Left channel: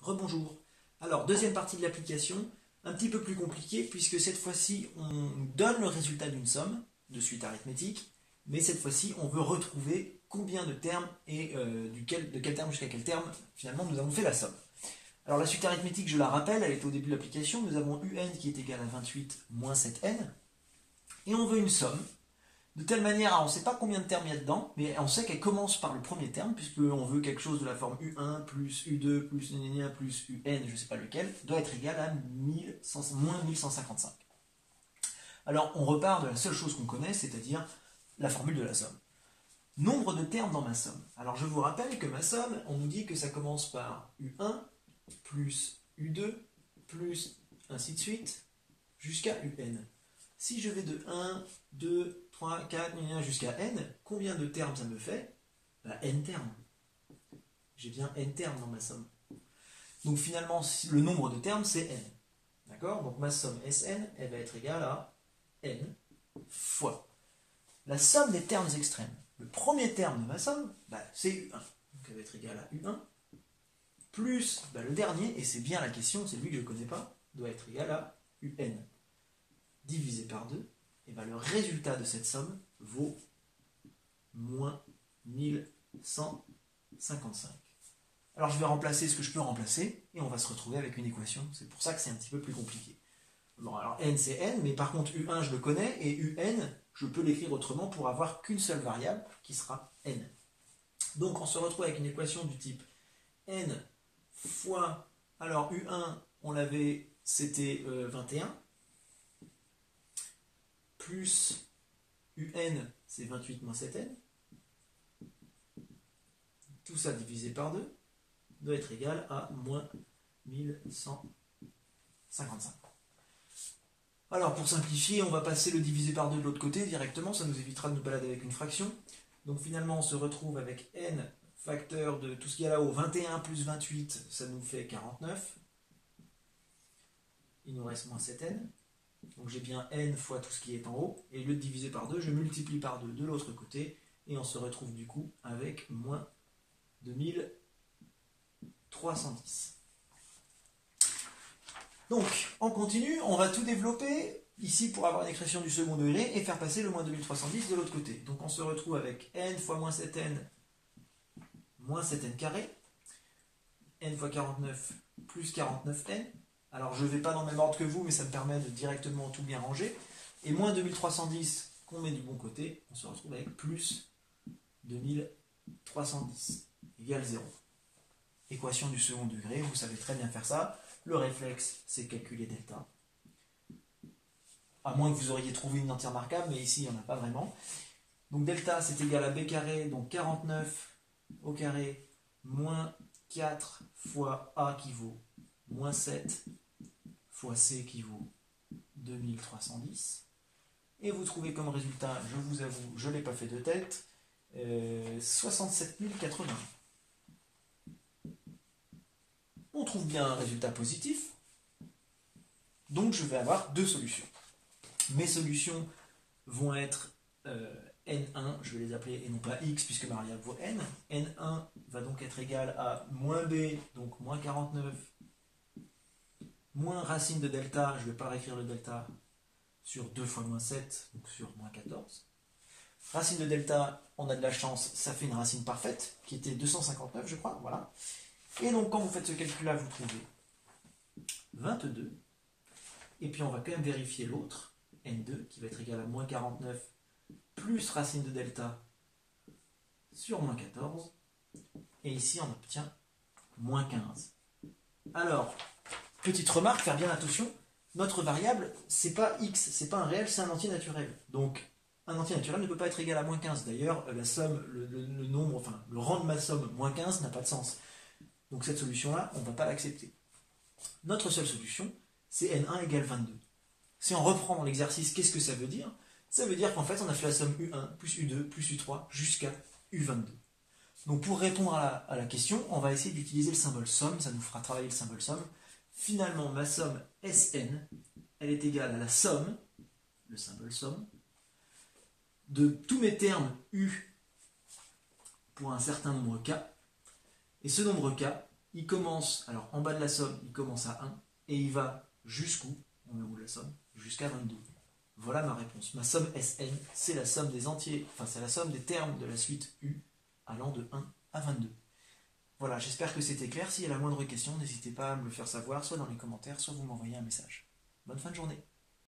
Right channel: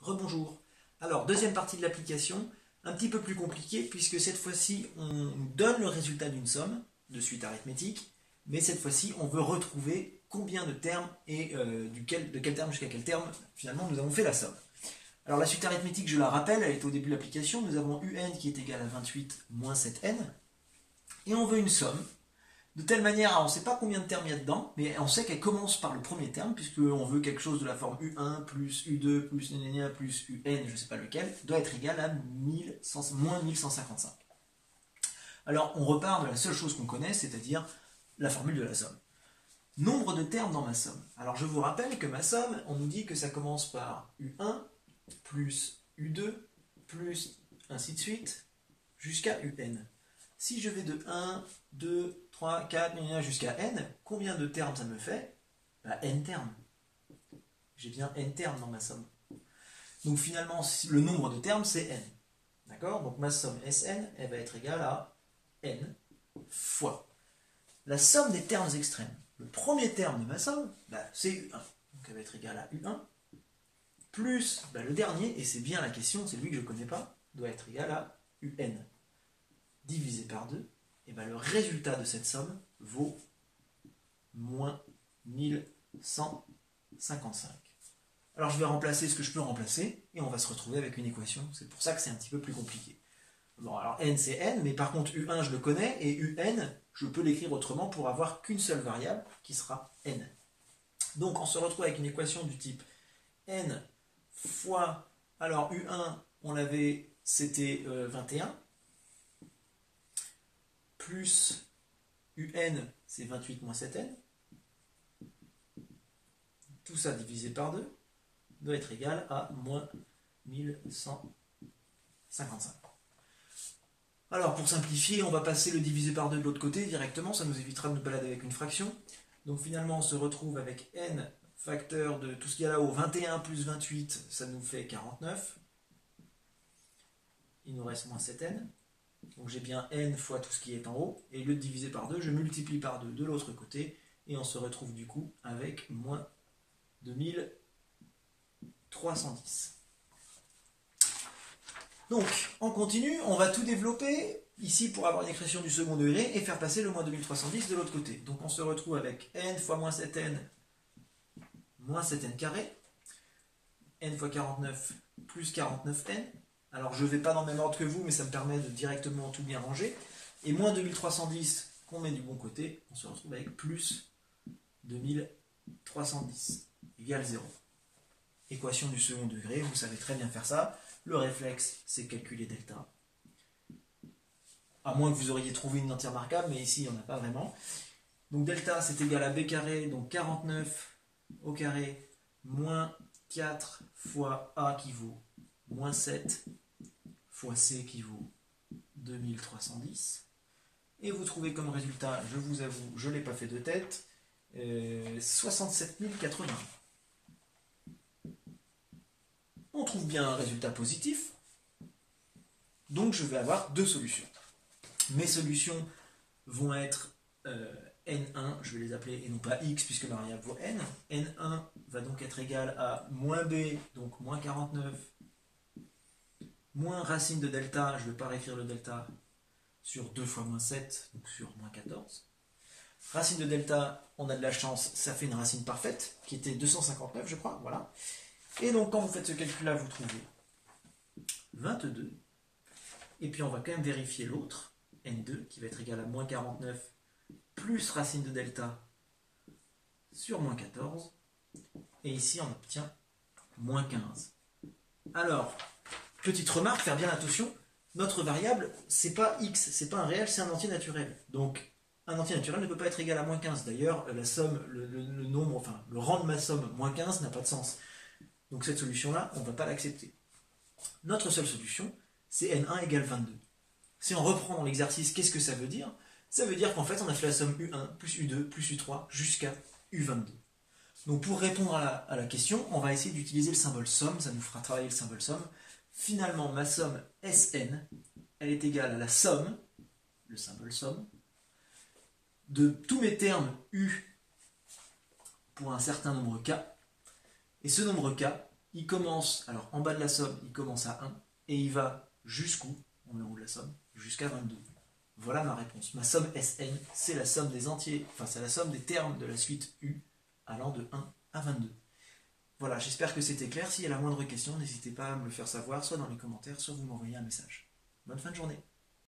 Rebonjour. Alors, deuxième partie de l'application, un petit peu plus compliquée, puisque cette fois-ci, on nous donne le résultat d'une somme de suite arithmétique, mais cette fois-ci, on veut retrouver combien de termes et de quel terme jusqu'à quel terme, finalement, nous avons fait la somme. Alors, la suite arithmétique, je la rappelle, elle est au début de l'application. Nous avons un qui est égal à 28 moins 7n, et on veut une somme. De telle manière, on ne sait pas combien de termes il y a dedans, mais on sait qu'elle commence par le premier terme, puisqu'on veut quelque chose de la forme U1 plus U2 plus n plus UN, je ne sais pas lequel, doit être égal à moins 1155. Alors, on repart de la seule chose qu'on connaît, c'est-à-dire la formule de la somme. Nombre de termes dans ma somme. Alors, je vous rappelle que ma somme, on nous dit que ça commence par U1 plus U2 plus ainsi de suite, jusqu'à UN. Si je vais de 1, 2, 3, 4, jusqu'à n, combien de termes ça me fait? N termes. J'ai bien n termes dans ma somme. Donc finalement, le nombre de termes, c'est n. D'accord? Donc ma somme Sn, elle va être égale à n fois la somme des termes extrêmes. Le premier terme de ma somme, c'est U1. Donc elle va être égale à U1, plus le dernier, et c'est bien la question, c'est lui que je ne connais pas, doit être égal à UN. Divisé par 2, et le résultat de cette somme vaut moins 1155. Alors je vais remplacer ce que je peux remplacer, et on va se retrouver avec une équation. C'est pour ça que c'est un petit peu plus compliqué. Bon, alors n c'est n, mais par contre U1 je le connais, et UN, je peux l'écrire autrement pour avoir qu'une seule variable, qui sera n. Donc on se retrouve avec une équation du type n fois, alors U1, on l'avait, c'était 21, plus UN, c'est 28 moins 7n, tout ça divisé par 2, doit être égal à moins 1155. Alors pour simplifier, on va passer le divisé par 2 de l'autre côté directement, ça nous évitera de nous balader avec une fraction. Donc finalement on se retrouve avec n facteur de tout ce qu'il y a là-haut, 21 plus 28, ça nous fait 49. Il nous reste moins 7n. Donc j'ai bien n fois tout ce qui est en haut, et au lieu de diviser par 2, je multiplie par 2 de l'autre côté, et on se retrouve du coup avec moins 2310. Donc, on continue, on va tout développer ici pour avoir une expression du second degré, et faire passer le moins 2310 de l'autre côté. Donc on se retrouve avec n fois moins 7n carré, n fois 49 plus 49n. Alors je ne vais pas dans le même ordre que vous, mais ça me permet de directement tout bien ranger. Et moins 2310 qu'on met du bon côté, on se retrouve avec plus 2310 égale 0. Équation du second degré, vous savez très bien faire ça. Le réflexe, c'est calculer delta. À moins que vous auriez trouvé une entière marquable, mais ici, il n'y en a pas vraiment. Donc delta, c'est égal à b carré, donc 49 au carré, moins 4 fois a qui vaut moins 7 fois c qui vaut 2310. Et vous trouvez comme résultat, je vous avoue, je ne l'ai pas fait de tête, 67 080. On trouve bien un résultat positif, donc je vais avoir deux solutions. Mes solutions vont être n1, je vais les appeler, et non pas x, puisque ma variable vaut n. n1 va donc être égal à moins b, donc moins 49, moins racine de delta, je ne vais pas réécrire le delta, sur 2 fois moins 7, donc sur moins 14. Racine de delta, on a de la chance, ça fait une racine parfaite, qui était 259, je crois, voilà. Et donc, quand vous faites ce calcul-là, vous trouvez 22. Et puis, on va quand même vérifier l'autre, n2, qui va être égal à moins 49, plus racine de delta, sur moins 14. Et ici, on obtient moins 15. Alors, petite remarque, faire bien attention, notre variable, c'est pas x, c'est pas un réel, c'est un entier naturel. Donc, un entier naturel ne peut pas être égal à moins 15. D'ailleurs, la somme, le nombre, enfin, le rang de ma somme, moins 15, n'a pas de sens. Donc cette solution-là, on ne va pas l'accepter. Notre seule solution, c'est n1 égale 22. Si on reprend dans l'exercice, qu'est-ce que ça veut dire? Ça veut dire qu'en fait, on a fait la somme U1 plus U2 plus U3 jusqu'à U22. Donc pour répondre à la question, on va essayer d'utiliser le symbole somme, ça nous fera travailler le symbole somme. Finalement, ma somme Sn, elle est égale à la somme, le symbole somme, de tous mes termes U pour un certain nombre K. Et ce nombre K, il commence, alors en bas de la somme, il commence à 1, et il va jusqu'où? On est en haut de la somme, jusqu'à 22. Voilà ma réponse. Ma somme Sn, c'est la somme des entiers, enfin c'est la somme des termes de la suite U allant de 1 à 22. Voilà, j'espère que c'était clair. S'il y a la moindre question, n'hésitez pas à me le faire savoir, soit dans les commentaires, soit vous m'envoyez un message. Bonne fin de journée.